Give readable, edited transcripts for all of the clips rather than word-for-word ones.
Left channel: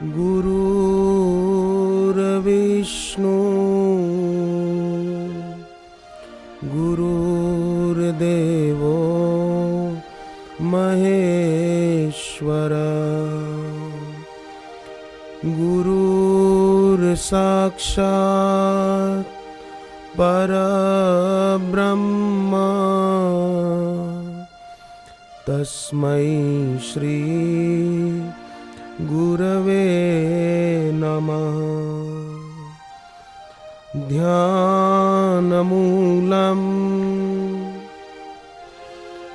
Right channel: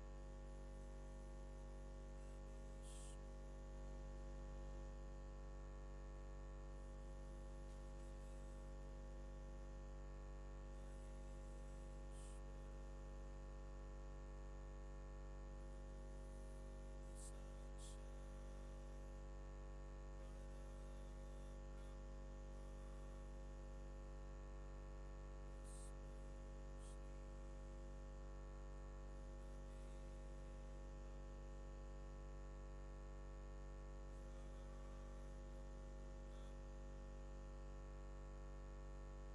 गुरुर्विष्णु गुरुर्देवो महेश्वर गुरुर्साक्षात् परब्रह्म तस्मै श्री गुरवे नमः। ध्यानमूलं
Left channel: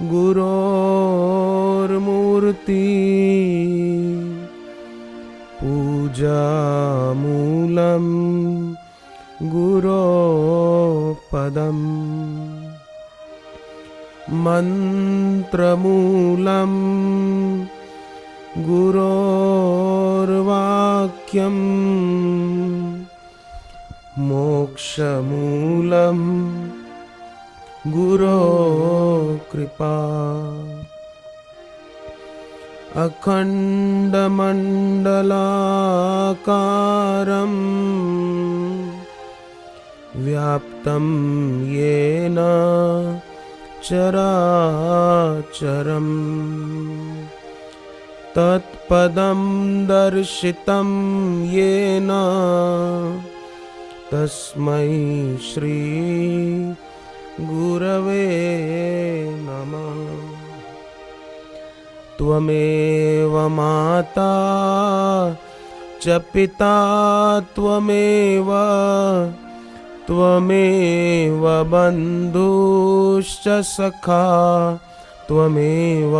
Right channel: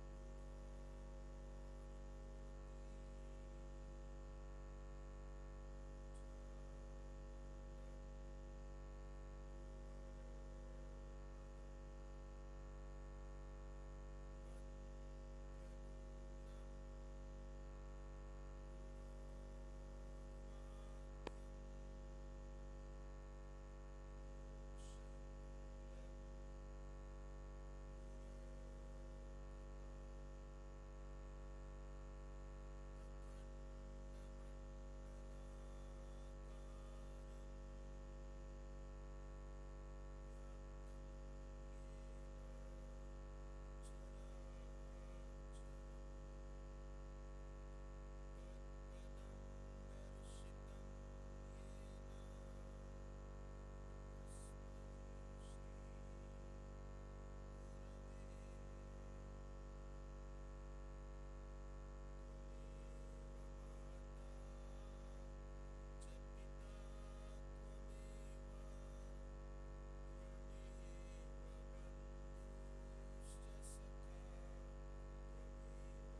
गुरोर्मूर्ति पूजामूलं गुरोपदम् मन्त्रमूलं गुरोर्वाक्यं मोक्षमूलं गुरोकृपा। अखण्डमण्डलाकारं व्याप्तं येन चराचरं तत्पदं दर्शितं येन तस्मै श्री गुरवे नमः। त्वमेव माता च पिता त्वमेव त्वमेव बन्धुश्च सखा त्वमेव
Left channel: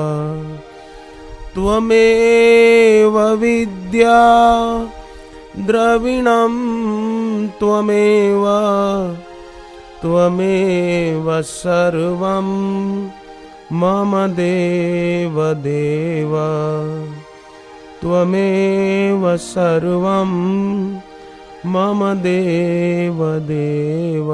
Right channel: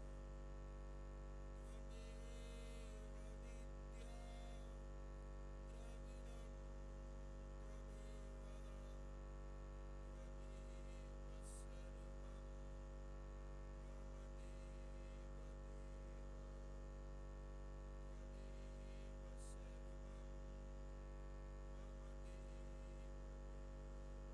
त्वमेव विद्या द्रविणं त्वमेव त्वमेव सर्वं मम देव देव त्वमेव सर्वं मम देव देव।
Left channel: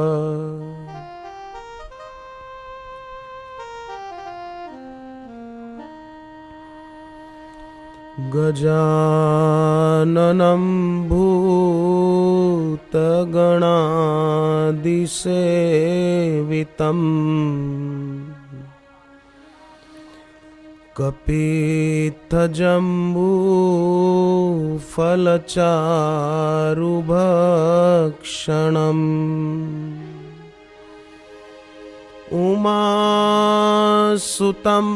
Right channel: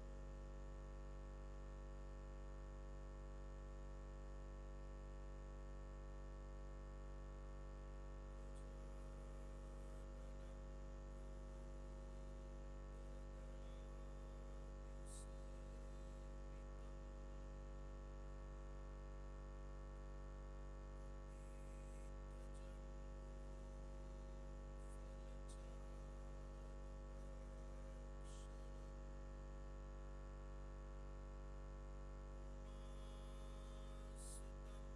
गजाननं भूतगणादिसेवितं कपित्थजम्बूफलचारुभक्षणम् उमासुतं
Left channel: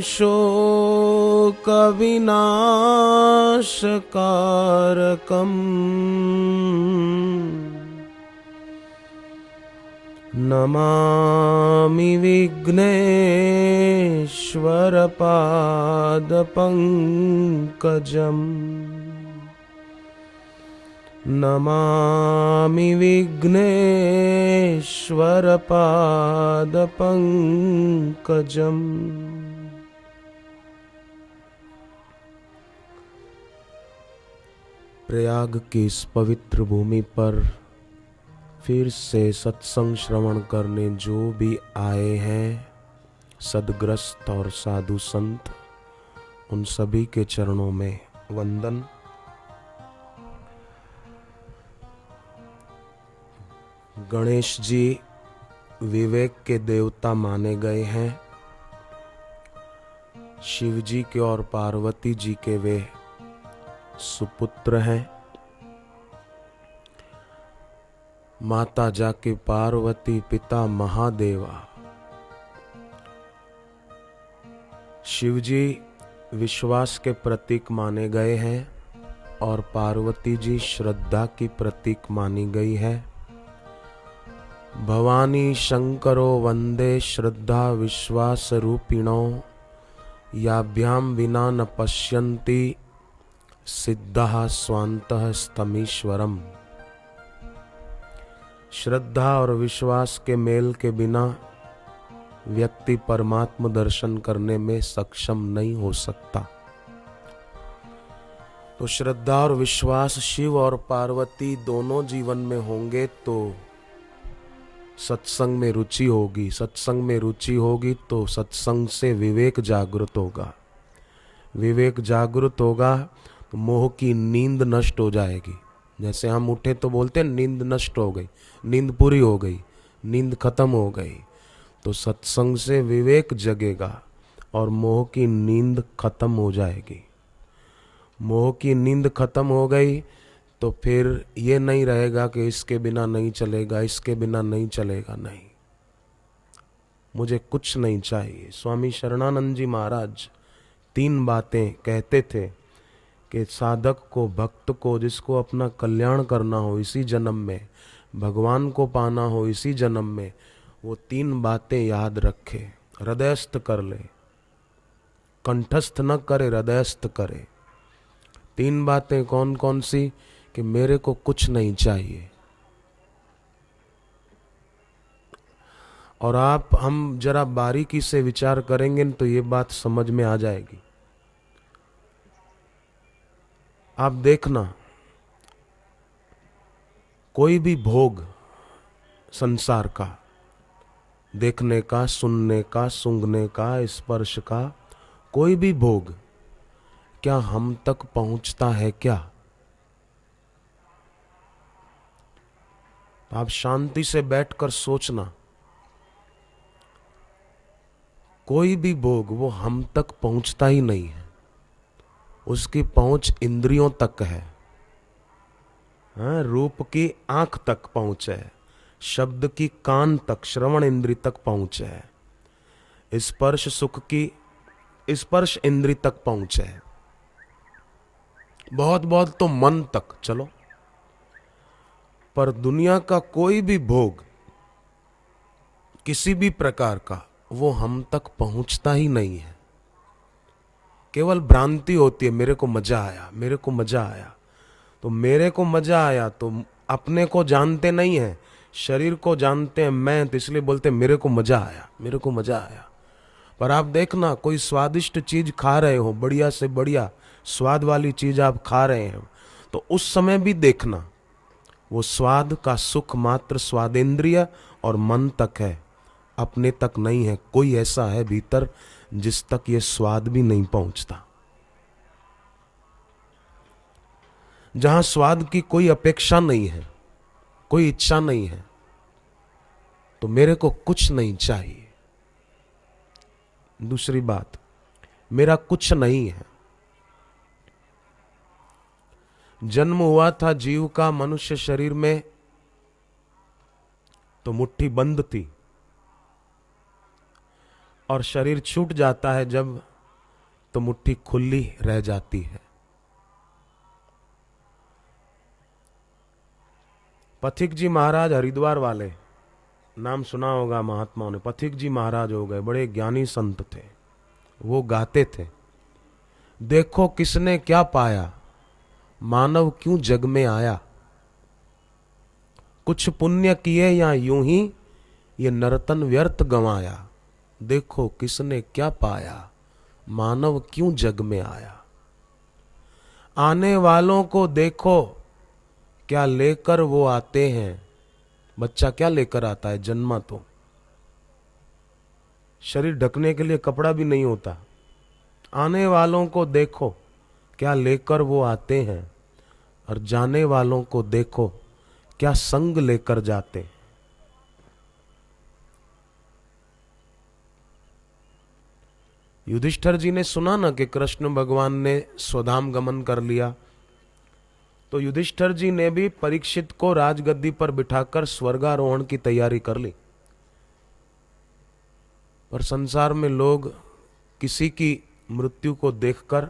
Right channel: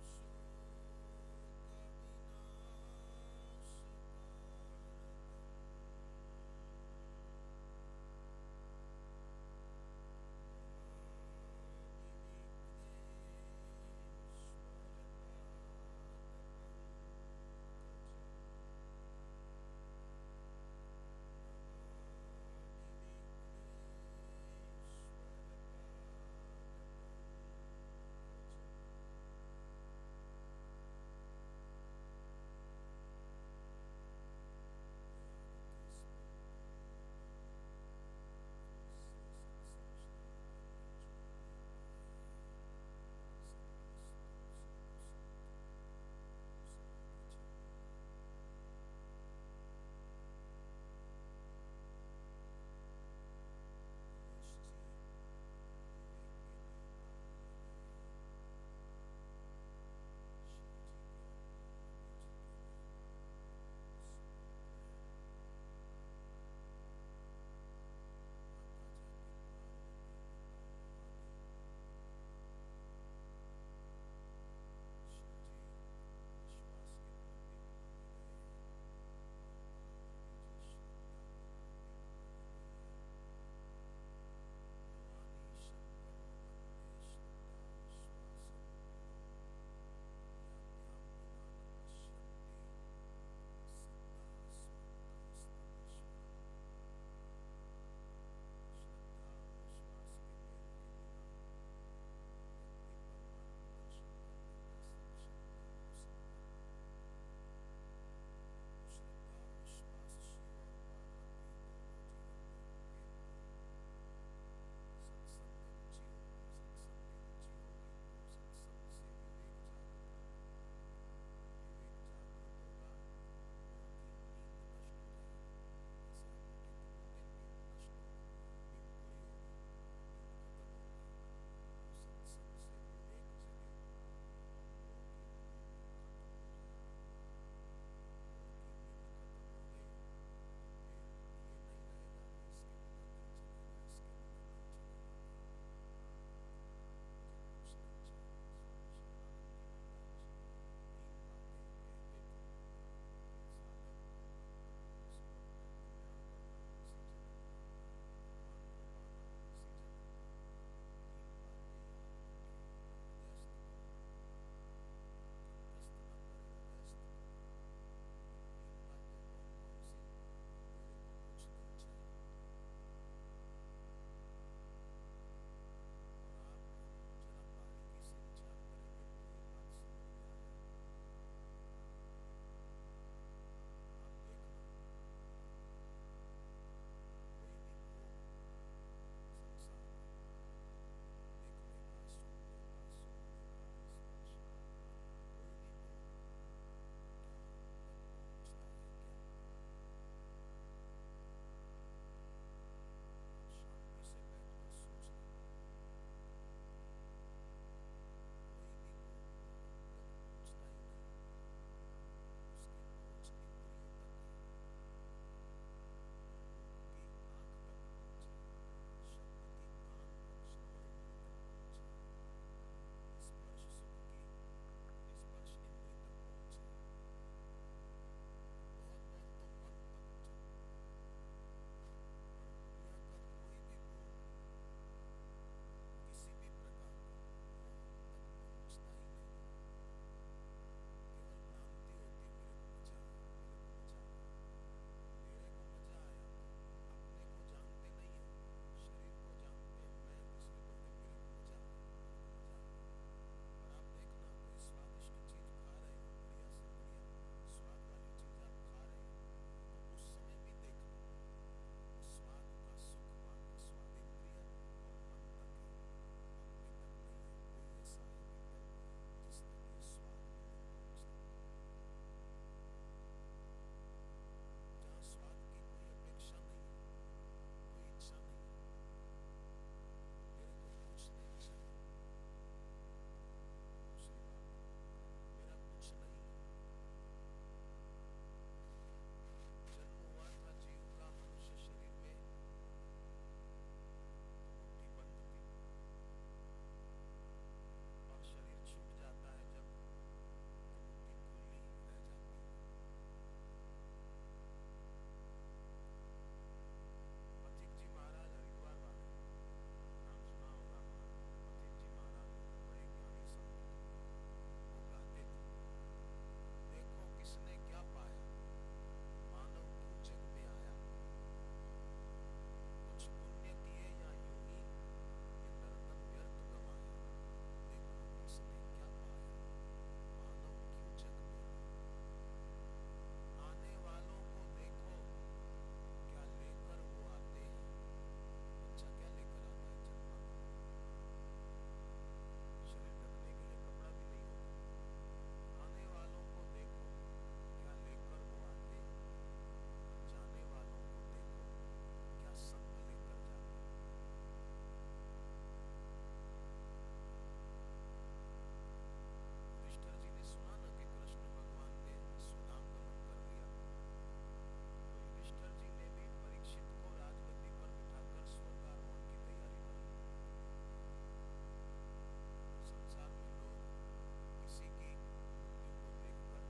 शोकविनाशकारकम् नमामि विघ्नेश्वरपादपङ्कजम् नमामि विघ्नेश्वरपादपङ्कजम्। प्रयाग की इस पवित्र भूमि पर फिर से सत्संग श्रवण करने जो भी आए हैं सद्ग्रस्त और साधु संत, उन सभी के चरणों में वंदन। गणेश जी विवेक के देवता माने गए हैं। शिव जी के और पार्वती जी के वे सुपुत्र हैं। माता जाके पार्वती, पिता महादेवा। शिव जी विश्वास के प्रतीक माने गए हैं और पार्वती जी श्रद्धा की प्रतीक मानी गई है। भवानी शंकरो वंदे श्रद्धा विश्वास रूपिणो याभ्याम विना न पश्यन्ति सिद्धः स्वान्तः स्तमीश्वरम। श्रद्धा और विश्वास के मेल के बिना व्यक्ति परमात्म दर्शन करने में सक्षम नहीं हो सकता। तो श्रद्धा और विश्वास शिव और पार्वती दोनों जीवन में होंगे तो सत्संग में रुचि होगी। सत्संग में रुचि होगी तो सत्संग से विवेक जागृत होगा। विवेक जागृत होगा तो मोह की नींद नष्ट हो जाएगी। जैसे हम उठे तो बोलते हैं नींद नष्ट हो गई, नींद पूरी हो गई, नींद खत्म हो गई। तो सत्संग से विवेक जगेगा और मोह की नींद खत्म हो जाएगी। मोह की नींद खत्म हो गई तो फिर ये नहीं रहेगा कि इसके बिना नहीं चलेगा, इसके बिना नहीं चलेगा, नहीं, मुझे कुछ नहीं चाहिए। स्वामी शरणानंद जी महाराज 3 बातें कहते थे कि साधक को, भक्त को, जिसको अपना कल्याण करना हो इसी जन्म में, भगवान को पाना हो इसी जन्म में, वो 3 बातें याद रखे, हृदयस्थ कर ले, कंठस्थ न करे, हृदयस्थ करे। 3 बातें कौन कौन सी? कि मेरे को कुछ नहीं चाहिए। और हम जरा बारीकी से विचार करेंगे तो ये बात समझ में आ जाएगी। आप देखना, कोई भी भोग संसार का, देखने का, सुनने का, सूंघने का, स्पर्श का, कोई भी भोग क्या हम तक पहुंचता है क्या? आप शांति से बैठकर सोचना, कोई भी भोग वो हम तक पहुंचता ही नहीं है। उसकी पहुंच इंद्रियों तक है। हाँ, रूप की आंख तक पहुंच है, शब्द की कान तक, श्रवण इंद्री तक पहुंच है, स्पर्श सुख की स्पर्श इंद्री तक पहुंच है, बहुत बहुत तो मन तक चलो। पर दुनिया का कोई भी भोग किसी भी प्रकार का वो हम तक पहुंचता ही नहीं है। केवल भ्रांति होती है, मेरे को मजा आया, मेरे को मजा आया। तो मेरे को मजा आया तो अपने को जानते नहीं है, शरीर को जानते हैं मैं, तो इसलिए बोलते हैं मेरे को मजा आया, मेरे को मजा आया। पर आप देखना, कोई स्वादिष्ट चीज खा रहे हो, बढ़िया से बढ़िया स्वाद वाली चीज आप खा रहे हैं, तो उस समय भी देखना वो स्वाद का सुख मात्र स्वादेंद्रिय और मन तक है, अपने तक नहीं है। कोई ऐसा है भीतर जिस तक ये स्वाद भी नहीं पहुंचता। जहां स्वाद की कोई अपेक्षा नहीं है, कोई इच्छा नहीं है, तो मेरे को कुछ नहीं चाहिए। दूसरी बात, मेरा कुछ नहीं है। जन्म हुआ था जीव का मनुष्य शरीर में तो मुट्ठी बंद थी, और शरीर छूट जाता है जब, तो मुट्ठी खुली रह जाती है। पथिक जी महाराज, हरिद्वार वाले, नाम सुना होगा महात्माओं ने, पथिक जी महाराज हो गए, बड़े ज्ञानी संत थे। वो गाते थे, देखो किसने क्या पाया, मानव क्यों जग में आया, कुछ पुण्य किए या यूं ही ये नर्तन व्यर्थ गंवाया, देखो किसने क्या पाया, मानव क्यों जग में आया। आने वालों को देखो क्या लेकर वो आते हैं। बच्चा क्या लेकर आता है? जन्मा तो शरीर ढकने के लिए कपड़ा भी नहीं होता। आने वालों को देखो क्या लेकर वो आते हैं, और जाने वालों को देखो क्या संग लेकर जाते। युधिष्ठिर जी ने सुना ना कि कृष्ण भगवान ने स्वधाम गमन कर लिया, तो युधिष्ठिर जी ने भी परीक्षित को राजगद्दी पर बिठाकर स्वर्गारोहण की तैयारी कर ली। पर संसार में लोग किसी की मृत्यु को देखकर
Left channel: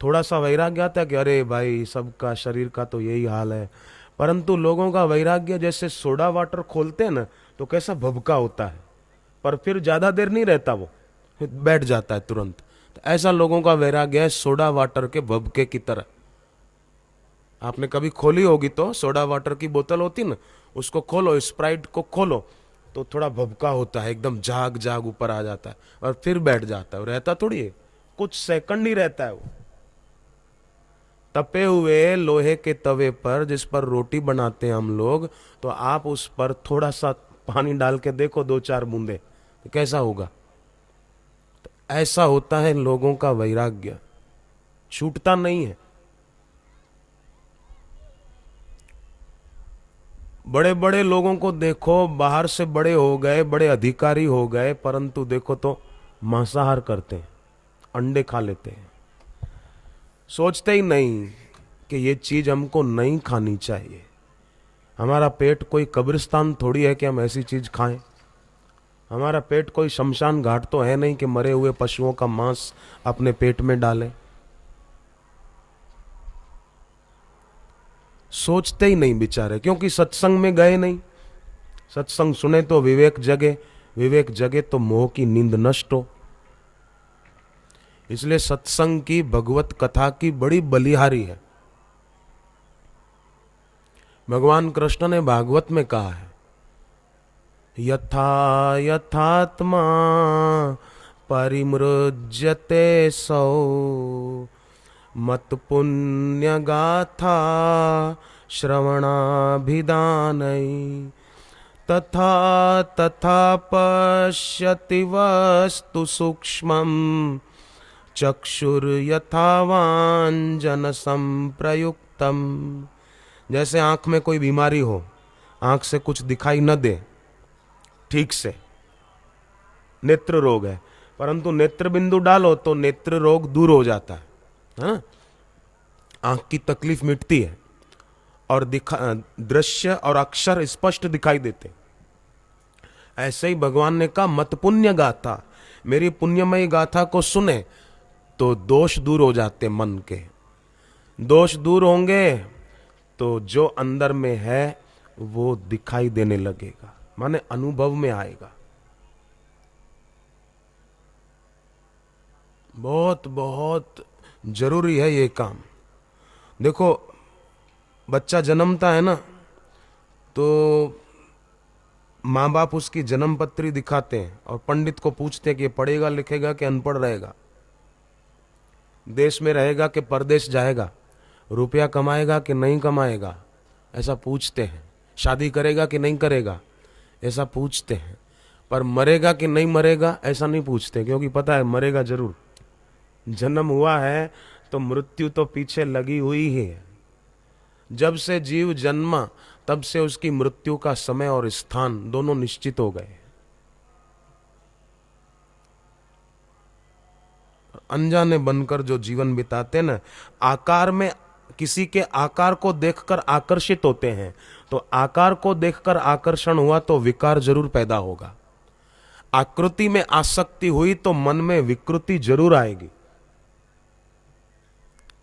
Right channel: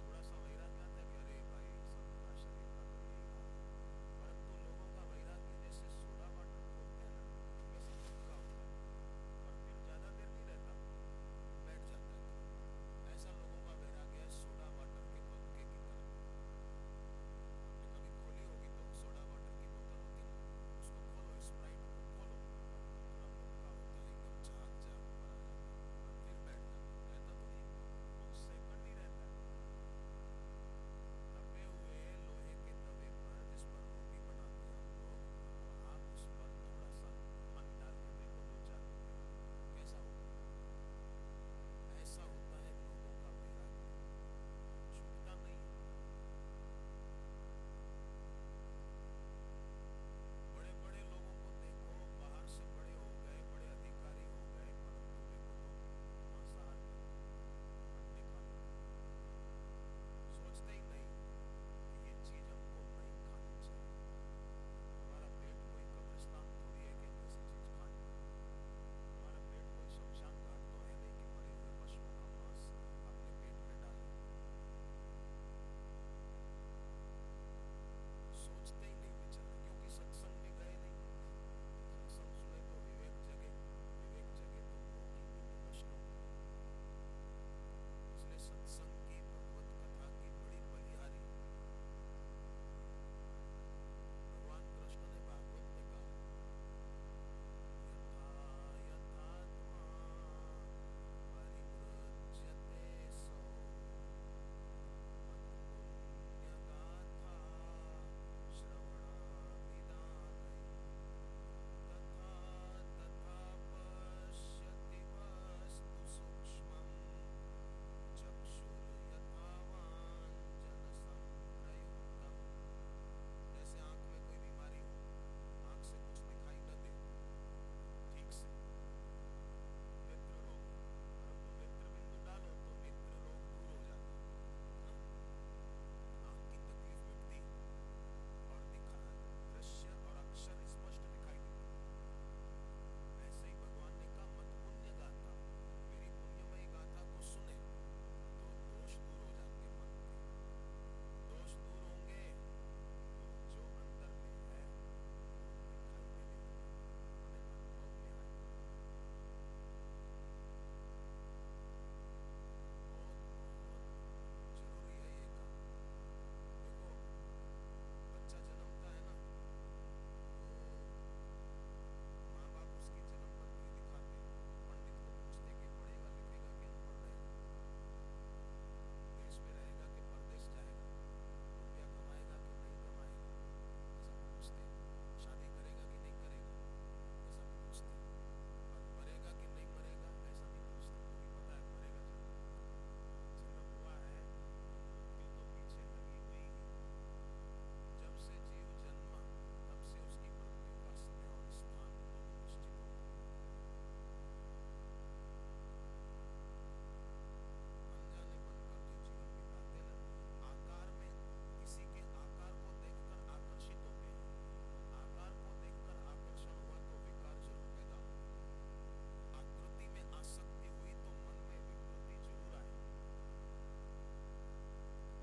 थोड़ा सा वैराग्य आता है कि अरे भाई सबका शरीर का तो यही हाल है, परंतु लोगों का वैराग्य जैसे सोडा वाटर खोलते हैं ना, तो कैसा भभका होता है, पर फिर ज्यादा देर नहीं रहता, वो बैठ जाता है तुरंत। तो ऐसा लोगों का वैराग्य है सोडा वाटर के भभके की तरह। आपने कभी खोली होगी तो सोडा वाटर की बोतल होती ना, उसको खोलो, स्प्राइट को खोलो तो थोड़ा भभका होता है, एकदम जाग जाग ऊपर आ जाता है और फिर बैठ जाता है। रहता थोड़ी है, कुछ सेकंड ही रहता है वो। तपे हुए लोहे के तवे पर जिस पर रोटी बनाते हैं हम लोग, तो आप उस पर थोड़ा सा पानी डाल के देखो, 2-4 बूंदे, तो कैसा होगा। तो ऐसा होता है लोगों का वैराग्य, छूटता नहीं है। बड़े बड़े लोगों को देखो, बाहर से बड़े हो गए, बड़े अधिकारी हो गए, परंतु देखो तो मांसाहार करते हैं, अंडे खा लेते हैं, सोचते ही नहीं कि ये चीज हमको नहीं खानी चाहिए। हमारा पेट कोई कब्रिस्तान थोड़ी है कि हम ऐसी चीज खाएं। हमारा पेट कोई शमशान घाट तो है नहीं कि मरे हुए पशुओं का मांस अपने पेट में डालें। सोचते ही नहीं बेचारे, क्योंकि सत्संग में गए नहीं। सत्संग सुने तो विवेक जगे, विवेक जगे तो मोह की नींद नष्ट हो। इसलिए सत्संग की, भगवत कथा की बड़ी बलिहारी है। भगवान कृष्ण ने भागवत में कहा है, यथा यथात्मा परिमृज्यते सौ मत पुण्य गाथा श्रवणाभिधानै तथा तथा पश्यति वस्तु सूक्ष्मं चक्षुर्यथावांजन संप्रयुक्तम। जैसे आंख में कोई बीमारी हो, आंख से कुछ दिखाई न दे ठीक से, नेत्र रोग है, परंतु नेत्र बिंदु डालो तो नेत्र रोग दूर हो जाता है ना? आंख की तकलीफ मिटती है और दृश्य और अक्षर स्पष्ट दिखाई देते। ऐसे ही भगवान ने कहा, मत पुण्य गाथा, मेरी पुण्यमयी गाथा को सुने तो दोष दूर हो जाते। मन के दोष दूर होंगे तो जो अंदर में है वो दिखाई देने लगेगा, माने अनुभव में आएगा। बहुत बहुत जरूरी है ये काम। देखो, बच्चा जन्मता है ना, तो माँ बाप उसकी जन्म पत्री दिखाते हैं और पंडित को पूछते हैं कि ये पढ़ेगा लिखेगा कि अनपढ़ रहेगा, देश में रहेगा कि परदेश जाएगा, रुपया कमाएगा कि नहीं कमाएगा, ऐसा पूछते हैं। शादी करेगा कि नहीं करेगा, ऐसा पूछते हैं। पर मरेगा कि नहीं मरेगा ऐसा नहीं पूछते, क्योंकि पता है मरेगा जरूर। जन्म हुआ है तो मृत्यु तो पीछे लगी हुई ही है। जब से जीव जन्मा तब से उसकी मृत्यु का समय और स्थान दोनों निश्चित हो गए। अनजाने बनकर जो जीवन बिताते ना, आकार में किसी के आकार को देखकर आकर्षित होते हैं, तो आकार को देखकर आकर्षण हुआ तो विकार जरूर पैदा होगा। आकृति में आसक्ति हुई तो मन में विकृति जरूर आएगी।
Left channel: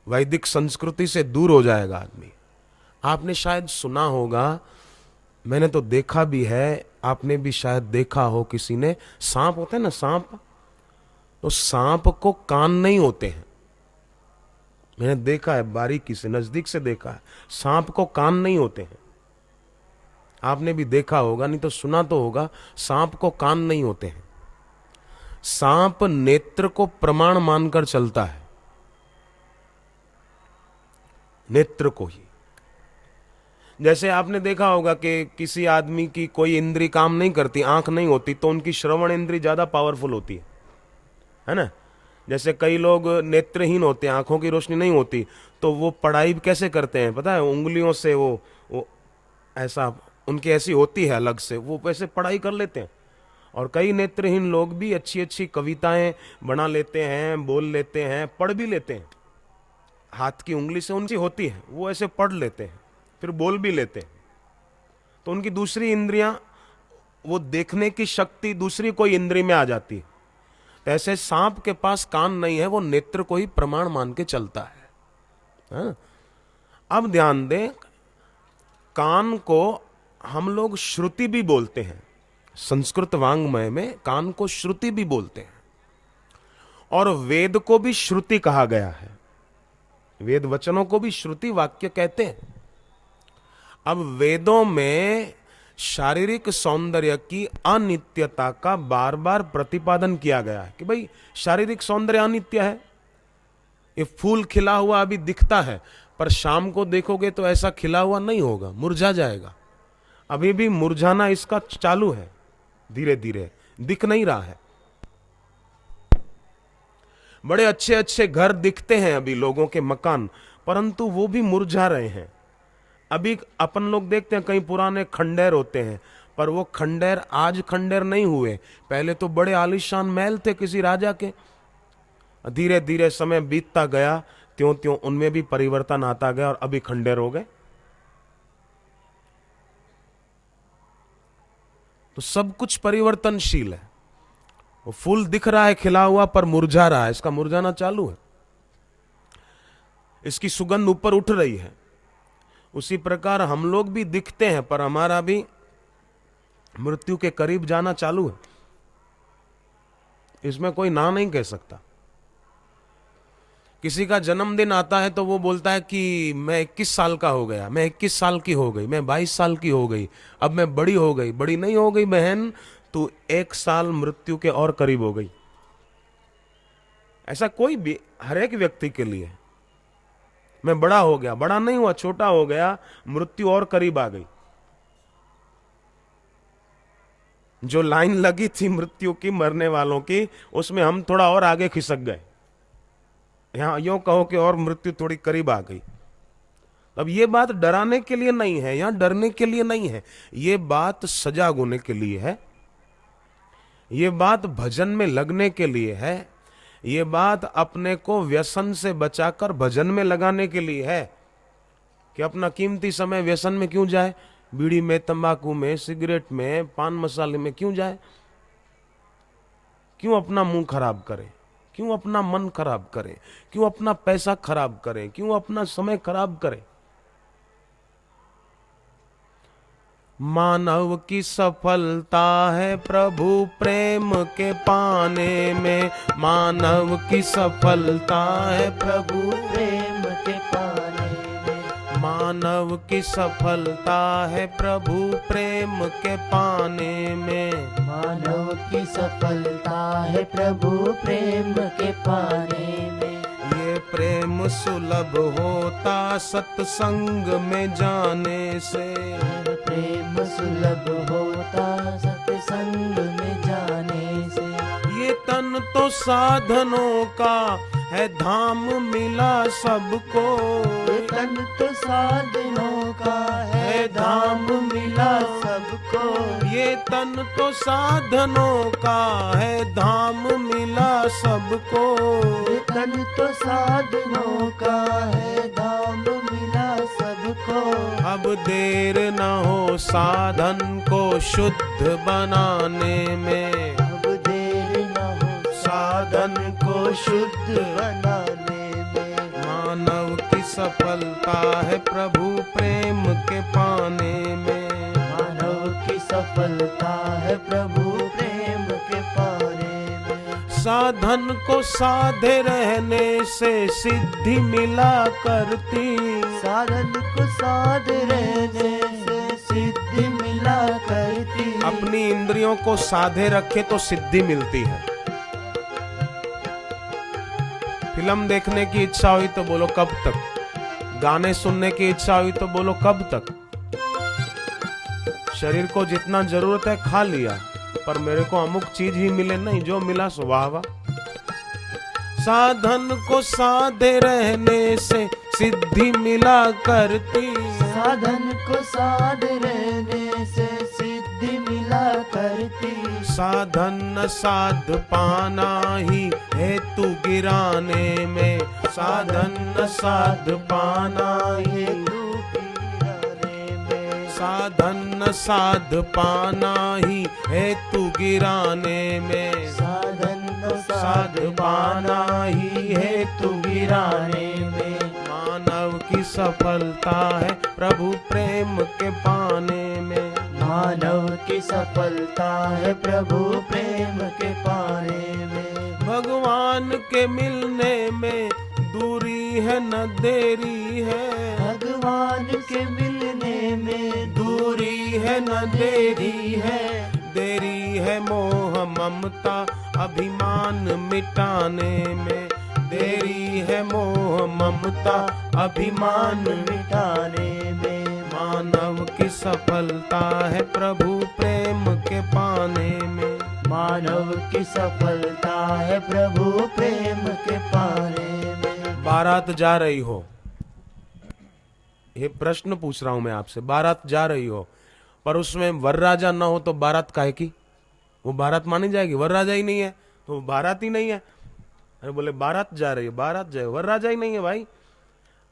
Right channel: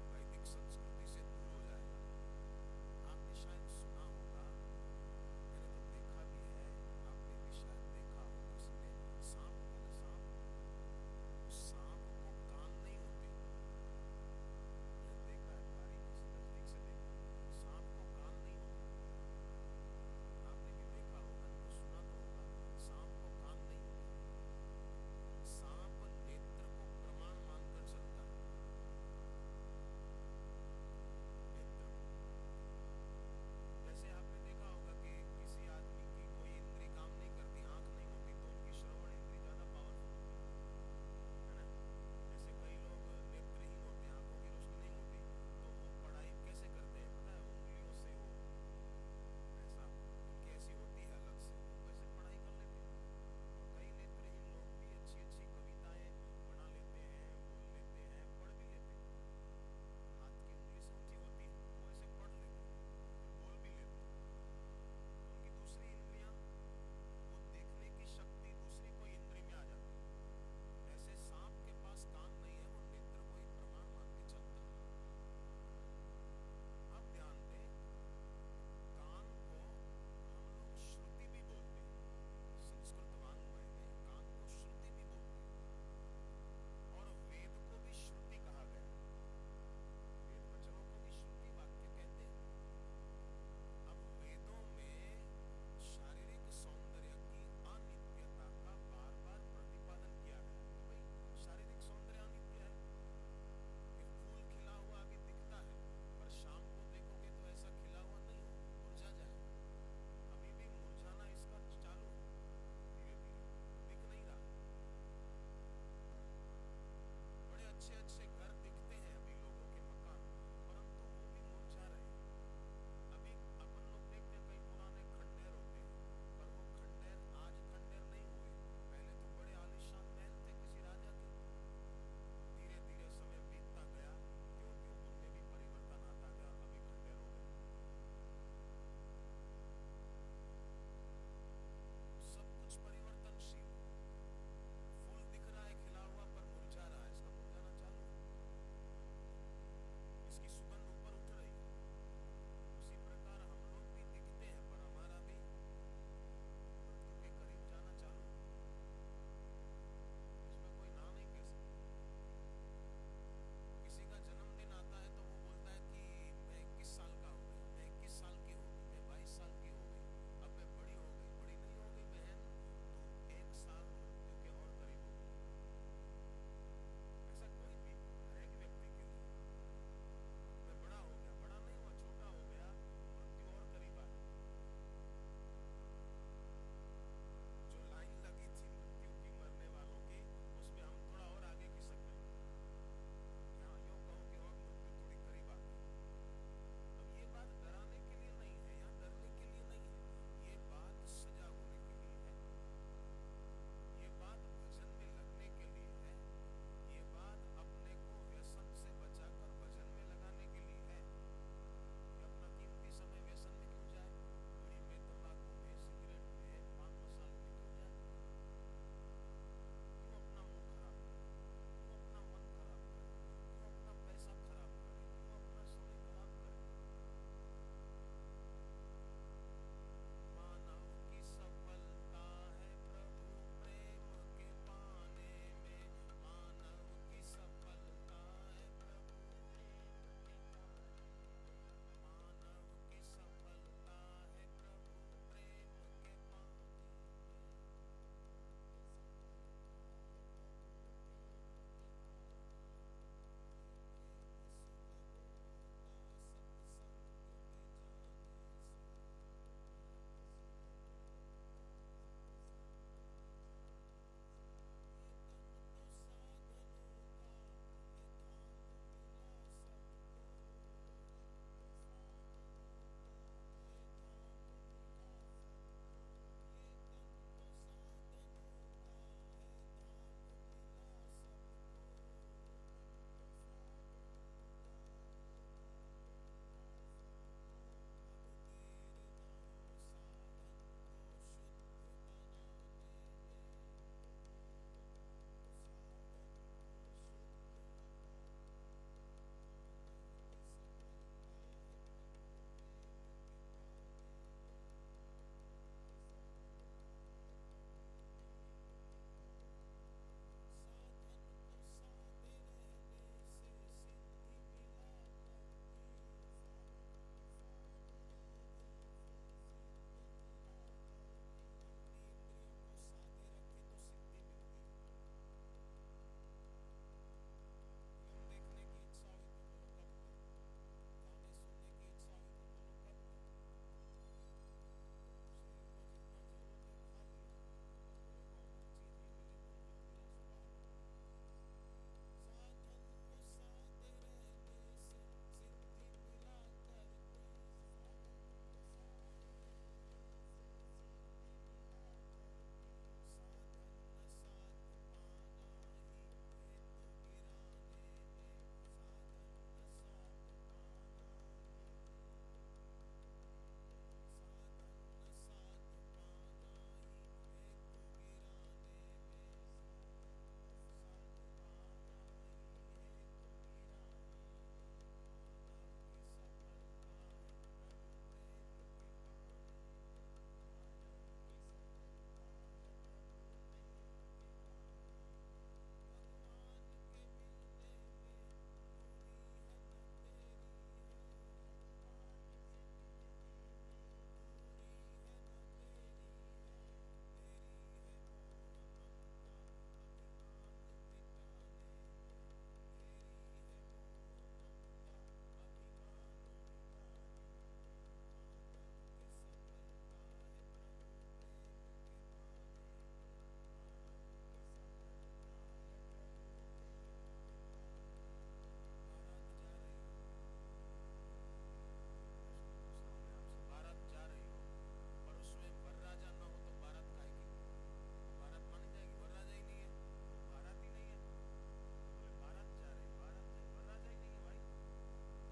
वैदिक संस्कृति से दूर हो जाएगा आदमी। आपने शायद सुना होगा, मैंने तो देखा भी है, आपने भी शायद देखा हो किसी ने, सांप होते हैं ना, सांप, तो सांप को कान नहीं होते हैं। मैंने देखा है, बारीकी से, नजदीक से देखा है, सांप को कान नहीं होते हैं। आपने भी देखा होगा, नहीं तो सुना तो होगा, सांप को कान नहीं होते हैं। सांप नेत्र को प्रमाण मानकर चलता है, नेत्र को ही। जैसे आपने देखा होगा कि किसी आदमी की कोई इंद्री काम नहीं करती, आंख नहीं होती, तो उनकी श्रवण इंद्री ज्यादा पावरफुल होती है ना? जैसे कई लोग नेत्रहीन होते हैं, आंखों की रोशनी नहीं होती, तो वो पढ़ाई कैसे करते हैं पता है? उंगलियों से वो ऐसा, उनकी ऐसी होती है अलग से, वो वैसे पढ़ाई कर लेते हैं। और कई नेत्रहीन लोग भी अच्छी अच्छी कविताएं बना लेते हैं, बोल लेते हैं, पढ़ भी लेते हैं। हाथ की उंगली से उनकी होती है, वो ऐसे पढ़ लेते हैं, फिर बोल भी लेते हैं। तो उनकी दूसरी इंद्रियां, वो देखने की शक्ति दूसरी कोई इंद्री में आ जाती है। ऐसे सांप के पास कान नहीं है, वो नेत्र को ही प्रमाण मान के चलता है। हाँ? अब ध्यान दें, कान को हम लोग श्रुति भी बोलते हैं। संस्कृत वांग्मय में कान को श्रुति भी बोलते हैं, और वेद को भी श्रुति कहा गया है। वेद वचनों को भी श्रुति वाक्य कहते हैं। अब वेदों में शारीरिक सौंदर्य की अनित्यता का बार बार प्रतिपादन किया गया है कि भाई शारीरिक सौंदर्य अनित्य है। ये फूल खिला हुआ अभी दिखता है, पर शाम को देखोगे तो ऐसा खिला हुआ नहीं होगा, मुरझा जाएगा। अभी भी मुरझाना इसका चालू है, धीरे धीरे दिख नहीं रहा है। बड़े अच्छे अच्छे घर दिखते हैं अभी लोगों के, मकान, परंतु वो भी मुरझा रहे हैं। अभी अपन लोग देखते हैं कई पुराने खंडेर होते हैं, पर वो खंडेर आज खंडेर नहीं हुए, पहले तो बड़े आलीशान महल थे किसी राजा के। धीरे धीरे समय बीतता गया, त्यों त्यों उनमें भी परिवर्तन आता गया और अभी खंडेर हो गए। तो सब कुछ परिवर्तनशील है। वो फूल दिख रहा है खिला हुआ, पर मुरझा रहा है, इसका मुरझाना चालू है, इसकी सुगंध ऊपर उठ रही है। उसी प्रकार हम लोग भी दिखते हैं, पर हमारा भी मृत्यु के करीब जाना चालू है, इसमें कोई ना नहीं कह सकता। किसी का जन्मदिन आता है तो वो बोलता है कि मैं 21 साल का हो गया, मैं 21 साल की हो गई, मैं 22 साल की हो गई, अब मैं बड़ी हो गई। बड़ी नहीं हो गई बहन, तू 1 साल मृत्यु के और करीब हो गई। ऐसा कोई भी, हर एक व्यक्ति के लिए, मैं बड़ा हो गया, बड़ा नहीं हुआ, छोटा हो गया, मृत्यु और करीब आ गई। जो लाइन लगी थी मृत्यु की, मरने वालों की, उसमें हम थोड़ा और आगे खिसक गए। यहां यूं कहो कि और मृत्यु थोड़ी करीब आ गई। अब ये बात डराने के लिए नहीं है, यहां डरने के लिए नहीं है, ये बात सजाग होने के लिए है, ये बात भजन में लगने के लिए है, ये बात अपने को व्यसन से बचाकर भजन में लगाने के लिए है। कि अपना कीमती समय व्यसन में क्यों जाए, बीड़ी में, तंबाकू में, सिगरेट में, पान मसाले में क्यों जाए? क्यों अपना मुंह खराब करे, क्यों अपना मन खराब करे, क्यों अपना पैसा खराब करे, क्यों अपना समय खराब करे? मानव की सफलता है प्रभु प्रेम के पाने में, मानव की सफलता है प्रभु प्रेम के पाने में, मानव की सफलता है प्रभु प्रेम के पाने में, मानव की सफलता है प्रभु प्रेम के पाने में। ये प्रेम सुलभ होता सत्संग में जाने से, प्रेम सुलभ होता सत्संग में जाने से। ये तन तो साधनों का है धाम मिला सबको, ये तन तो साधनों का है धाम मिला सबको, ये तन तो साधनों का है धाम मिला सबको, ये तन तो साधनों का है धाम मिला सबको। अब देर न हो साधन को शुद्ध बनाने में, अब देर न हो साधन को शुद्ध बनाने में। मानव की सफलता है प्रभु प्रेम के पाने में, मानव की सफलता है प्रभु प्रेम के पाने में। साधन को साधे रहने से सिद्धि मिला करती, साधन को साध रहने से सिद्धि मिला करती। अपनी इंद्रियों को साधे रखे तो सिद्धि मिलती है। फिल्म देखने की इच्छा हुई तो बोलो कब तक, गाने सुनने की इच्छा हुई तो बोलो कब तक। शरीर को जितना जरूरत है खा लिया, पर मेरे को अमुक चीज ही मिले नहीं, जो मिला सो वाह वाह। साधन को साधे रहने से सिद्धि मिला करती, साधन को साध रहने से सिद्धि मिला करती। साधन न साध पाना ही हेतु गिराने में, साधन न साध पाना ही साधन न साध पाना ही हेतु गिराने में, साधन को साध पाना ही हेतु गिराने में। मानव की सफलता है प्रभु प्रेम के पाने में, मानव की सफलता है प्रभु प्रेम के पाने में। भगवान के मिलने में दूरी है न देरी है, भगवान के मिलने में दूरी है न देरी है, देरी है मोह ममता अभिमान मिटाने में, देरी है मोह ममता अभिमान मिटाने में। मानव की सफलता है प्रभु प्रेम के पाने में, मानव की सफलता है प्रभु प्रेम के पाने में। बारात जा रही हो, ये प्रश्न पूछ रहा हूं मैं आपसे। बारात जा रही हो पर उसमें वरराजा ना हो तो बारात काहे की? वो बारात मानी जाएगी? वरराजा ही नहीं है तो वो बारात ही नहीं है। अरे बोले बारात जा रही है, बारात जाए, वरराजा ही नहीं है भाई।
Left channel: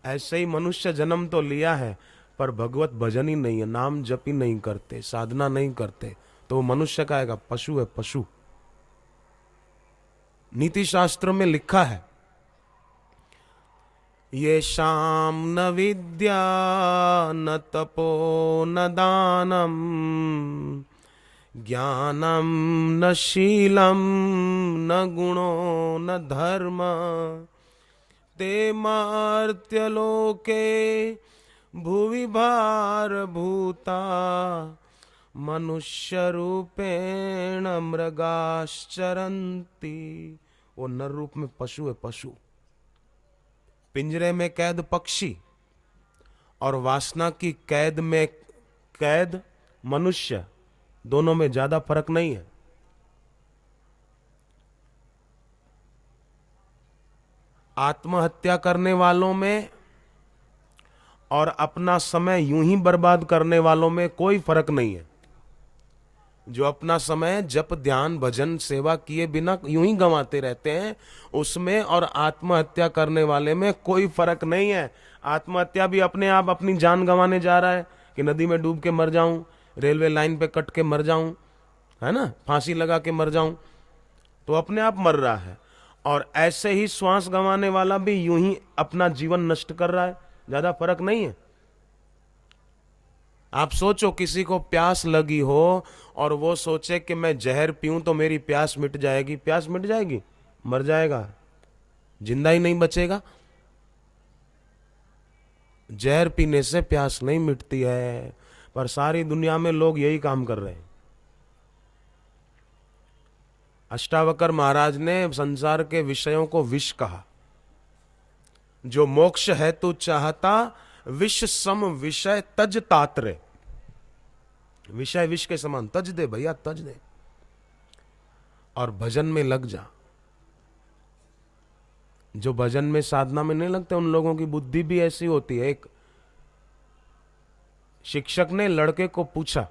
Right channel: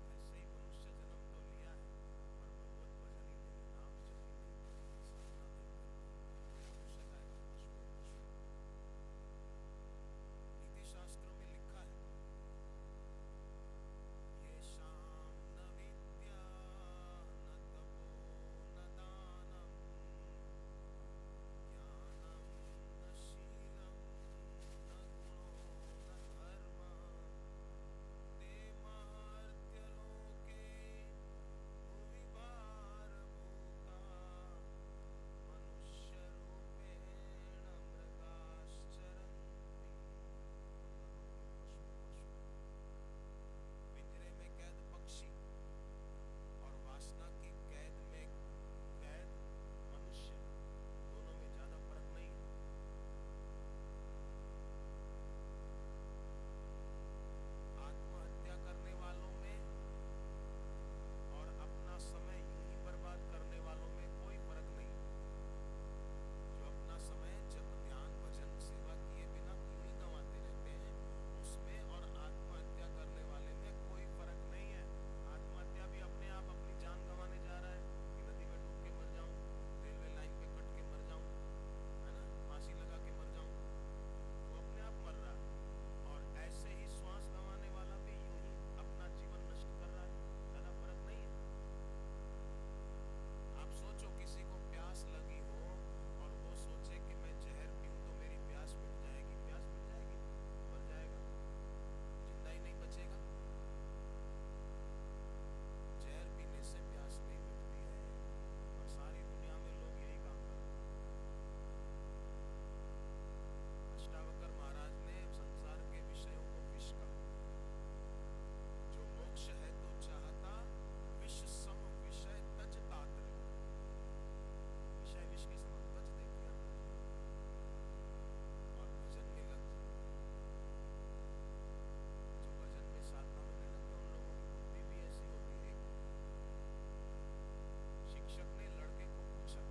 ऐसे ही मनुष्य जन्म तो लिया है पर भगवत भजन ही नहीं है, नाम जप ही नहीं करते, साधना नहीं करते, तो वो मनुष्य का आएगा, पशु है पशु। नीति शास्त्र में लिखा है, ये शाम न विद्या न तपो न दानम ज्ञानम न शीलम न गुणो न धर्म ते मर्त्यलोके भुवि भारभूता मनुष्य रूपेण मृगाश्चरन्ति। वो नर रूप में पशु है पशु। पिंजरे में कैद पक्षी और वासना की कैद में कैद मनुष्य, दोनों में ज्यादा फर्क नहीं है। आत्महत्या करने वालों में और अपना समय यूं ही बर्बाद करने वालों में कोई फर्क नहीं है। जो अपना समय जप ध्यान भजन सेवा किए बिना यूं ही गंवाते रहते हैं, उसमें और आत्महत्या करने वाले में कोई फर्क नहीं है। आत्महत्या भी अपने आप अपनी जान गंवाने जा रहा है कि नदी में डूब के मर जाऊं, रेलवे लाइन पे कट के मर जाऊं, है ना, फांसी लगा के मर जाऊं, तो अपने आप मर रहा है। और ऐसे ही श्वास गंवाने वाला भी यूं ही अपना जीवन नष्ट कर रहा है, ज्यादा फर्क नहीं है। आप सोचो किसी को प्यास लगी हो और वो सोचे कि मैं जहर पीऊं तो मेरी प्यास मिट जाएगी। प्यास मिट जाएगी? मर जाएगा, जिंदा ही नहीं बचेगा। जहर पीने से प्यास नहीं मिटती है, पर सारी दुनिया में लोग यही काम कर रहे हैं। अष्टावकर महाराज ने संसार के विषयों को विष कहा। जो मोक्ष है तू चाहता, विष सम विषय तज तात्रे। विषय विष के समान, तज दे भैया तज दे और भजन में लग जा। जो भजन में साधना में नहीं लगते उन लोगों की बुद्धि भी ऐसी होती है। एक शिक्षक ने लड़के को पूछा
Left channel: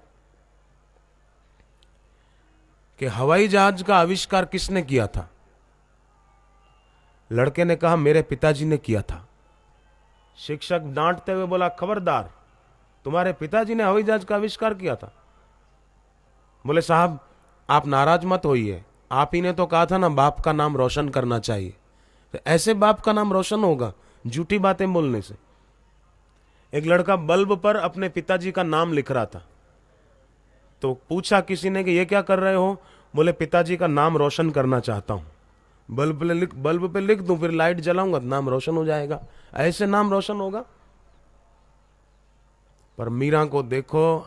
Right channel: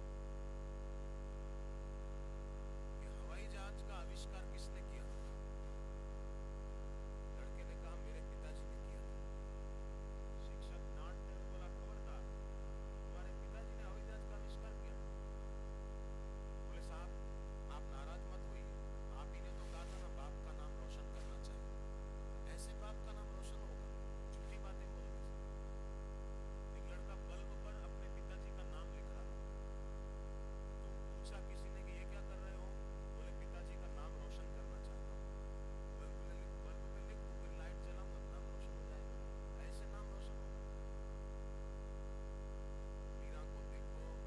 कि हवाई जहाज का आविष्कार किसने किया था? लड़के ने कहा मेरे पिताजी ने किया था। शिक्षक डांटते हुए बोला खबरदार, तुम्हारे पिताजी ने हवाई जहाज का आविष्कार किया था? बोले साहब आप नाराज मत होइए, आप ही ने तो कहा था ना बाप का नाम रोशन करना चाहिए। तो ऐसे बाप का नाम रोशन होगा झूठी बातें बोलने से? एक लड़का बल्ब पर अपने पिताजी का नाम लिख रहा था, तो पूछा किसी ने कि ये क्या कर रहे हो? बोले पिताजी का नाम रोशन करना चाहता हूं। बल्ब पे लिख दूं, फिर लाइट जलाऊंगा तो नाम रोशन हो जाएगा। ऐसे नाम रोशन होगा? पर मीरा को देखो,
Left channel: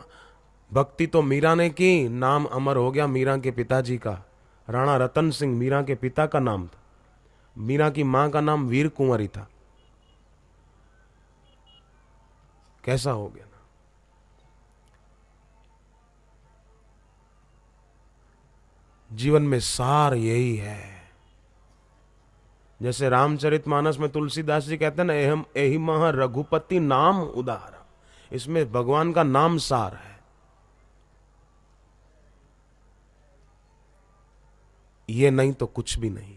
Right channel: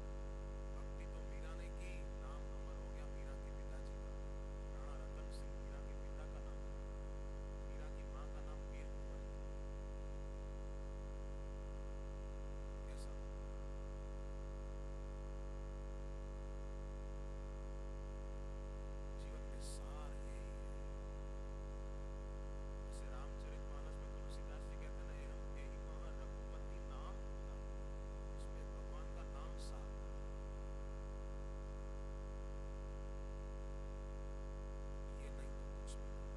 भक्ति तो मीरा ने की, नाम अमर हो गया मीरा के पिताजी का। राणा रतन सिंह मीरा के पिता का नाम था, मीरा की मां का नाम वीर कुंवरी था। कैसा हो गया? जीवन में सार यही है। जैसे रामचरितमानस में तुलसीदास जी कहते हैं ना, एहम एहि मह रघुपति नाम उदार। इसमें भगवान का नाम सार है। ये नहीं तो कुछ भी नहीं।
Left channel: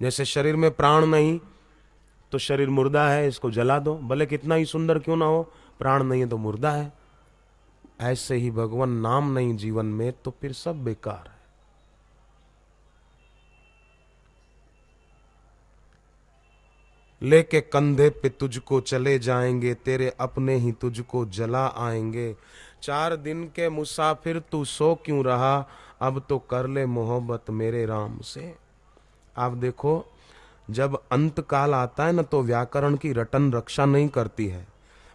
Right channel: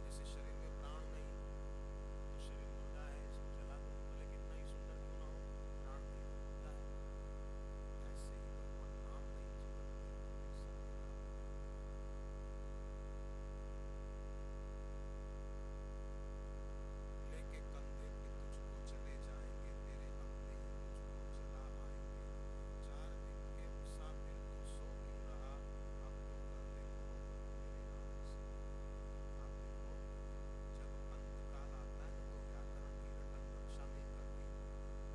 जैसे शरीर में प्राण नहीं तो शरीर मुर्दा है, इसको जला दो, भले कितना ही सुंदर क्यों ना हो, प्राण नहीं है तो मुर्दा है। ऐसे ही भगवान नाम नहीं जीवन में तो फिर सब बेकार है। लेके कंधे पे तुझको चले जाएंगे, तेरे अपने ही तुझको जला आएंगे। 4 दिन के मुसाफिर तू सो क्यों रहा, अब तो कर ले मोहब्बत मेरे राम से। आप देखो जब अंत काल आता है ना तो व्याकरण की रटन रक्षा नहीं करती है।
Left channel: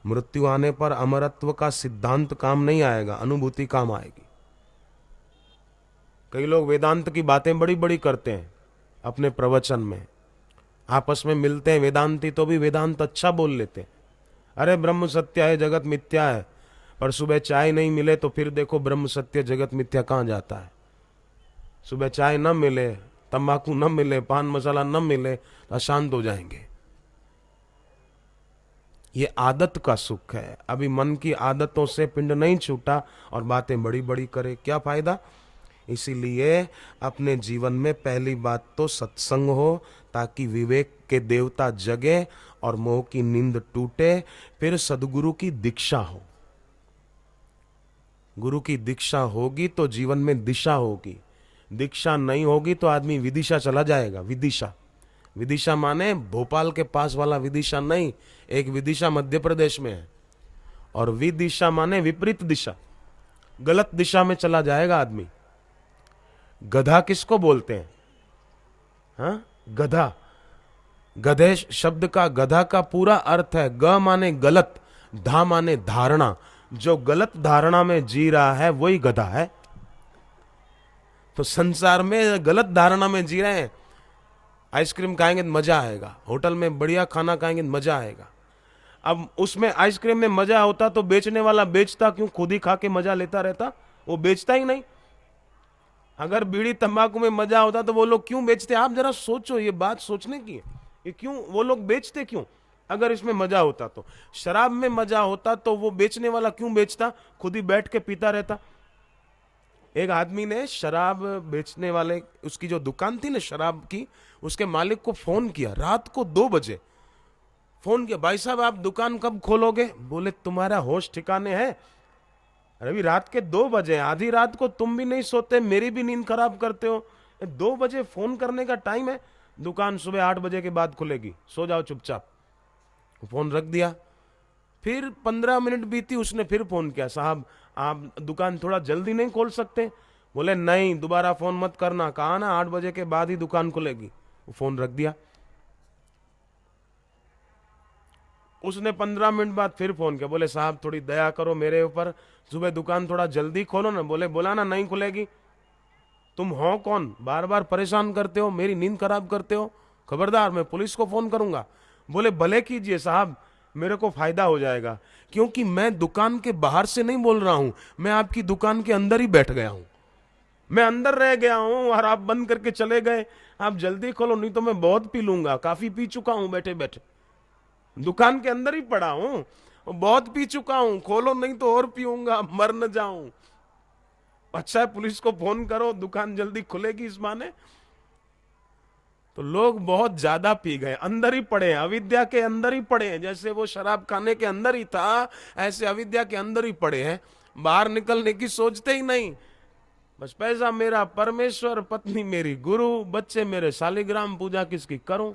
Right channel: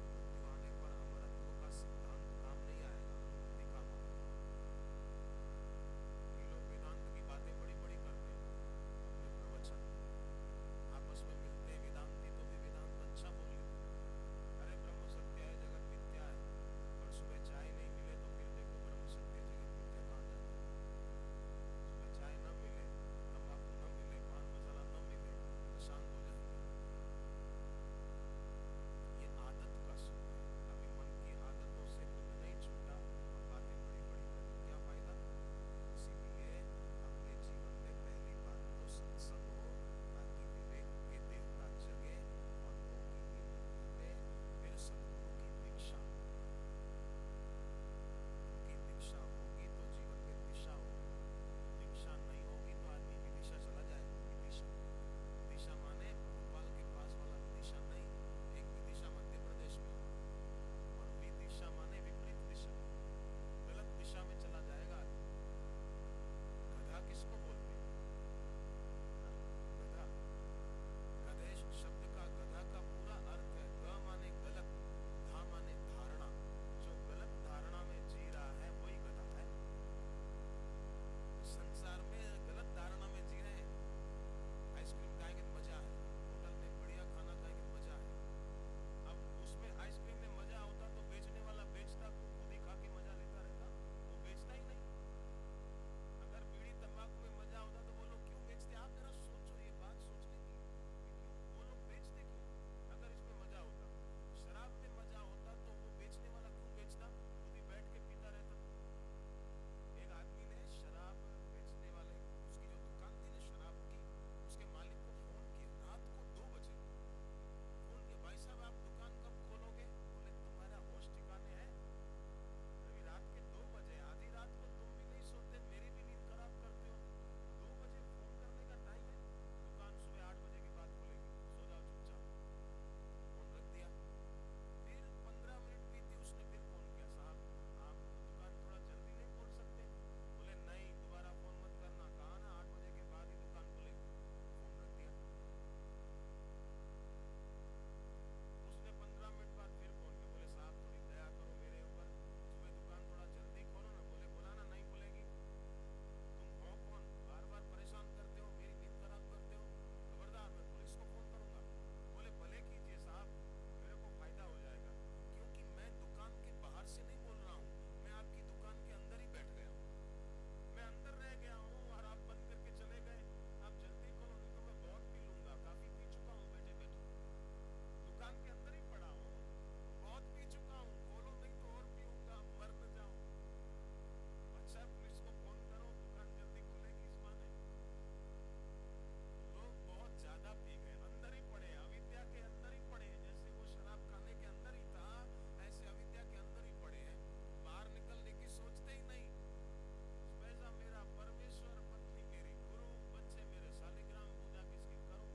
मृत्यु आने पर अमरत्व का सिद्धांत काम नहीं आएगा, अनुभूति काम आएगी। कई लोग वेदांत की बातें बड़ी बड़ी करते हैं अपने प्रवचन में, आपस में मिलते हैं वेदांती तो भी वेदांत अच्छा बोल लेते हैं। अरे ब्रह्म सत्य है जगत मिथ्या है, पर सुबह चाय नहीं मिले तो फिर देखो ब्रह्म सत्य जगत मिथ्या कहां जाता है। सुबह चाय न मिले, तंबाकू न मिले, पान मसाला न मिले, अशांत हो जाएंगे। ये आदत का सुख है। अभी मन की आदतों से पिंड नहीं छूटा और बातें बड़ी बड़ी करे, क्या फायदा। इसीलिए अपने जीवन में पहली बात तो सत्संग हो, ताकि विवेक के देवता जगे और मोह की नींद टूटे। फिर सदगुरु की दीक्षा हो। गुरु की दीक्षा होगी तो जीवन में दिशा होगी। दीक्षा नहीं होगी तो आदमी विदिशा चला जाएगा। विदिशा, विदिशा माने भोपाल के पास वाला विदिशा नहीं, एक विदिशा मध्य प्रदेश में है। और विदिशा माने विपरीत दिशा, गलत दिशा में चला जाएगा आदमी। गधा किसको बोलते हैं? हाँ, गधा। गधे शब्द का, गधा का पूरा अर्थ है ग माने गलत, धा माने धारणा। जो गलत धारणा में जी रहा है वही गधा है। तो संसार में गलत धारणा में जी रहे हैं। आइसक्रीम खाएंगे तो मजा आएगा, होटल में बढ़िया खाना खाएंगे तो मजा आएगा। अब उसमें आइसक्रीम में मजा होता तो बेचने वाला बेचता क्यों? खुद ही खा के मजा लेता रहता, वो बेचता ही नहीं। अगर बीड़ी तंबाकू में मजा होता तो वो लोग क्यों बेचते? आप जरा सोचो, ये बात सोचने की है। ये क्यों वो लोग बेचते क्यों? अगर इसमें मजा होता तो, शराब में मजा होता तो वो बेचने वाला क्यों बेचता? खुद ही बैठ के पीता रहता। एक आदमी ने शराब बेचने वाले, उसकी जो दुकान थी ना शराब की, उसके मालिक को फोन किया रात को 2 बजे। फोन किया, भाई साहब आप दुकान कब खोलोगे? बोले तुम्हारा होश ठिकाने है? अरे अभी रात के 2 बजे, आधी रात को तुम भी नहीं सोते, मेरी भी नींद खराब करते हो। 2 बजे फोन करने का टाइम है? दुकान सुबह 8 बजे के बाद खुलेगी, सो जाओ चुपचाप। फोन रख दिया। फिर 15 मिनट बीती, उसने फिर फोन किया, साहब आप दुकान थोड़ा जल्दी नहीं खोल सकते? बोले नहीं, दोबारा फोन मत करना, कहा ना 8 बजे के बाद ही दुकान खुलेगी। वो फोन रख दिया। उसने 15 मिनट बाद फिर फोन किया, बोले साहब थोड़ी दया करो मेरे ऊपर, सुबह दुकान थोड़ा जल्दी खोलो ना। बोले बोला ना नहीं खुलेगी। तुम हो कौन, बार बार परेशान करते हो, मेरी नींद खराब करते हो, खबरदार मैं पुलिस को फोन करूंगा। बोले भले कीजिए साहब, मेरे को फायदा हो जाएगा, क्योंकि मैं दुकान के बाहर से नहीं बोल रहा हूं, मैं आपकी दुकान के अंदर ही बैठ गया हूं। मैं अंदर रह गया हूं और आप बंद करके चले गए। आप जल्दी खोलो, नहीं तो मैं बहुत पी लूंगा, काफी पी चुका हूं बैठे बैठे, दुकान के अंदर ही पड़ा हूं, बहुत पी चुका हूं, खोलो नहीं तो और पीऊंगा, मर न जाऊं। अच्छा है पुलिस को फोन करो, दुकान जल्दी खुलेगी इस माने। तो लोग बहुत ज्यादा पी गए, अंदर ही पड़े हैं, अविद्या के अंदर ही पड़े हैं। जैसे वो शराब खाने के अंदर ही था, ऐसे अविद्या के अंदर ही पड़े हैं, बाहर निकलने की सोचते ही नहीं। बस पैसा मेरा परमेश्वर, पत्नी मेरी गुरु, बच्चे मेरे शालिग्राम, पूजा किसकी करूं।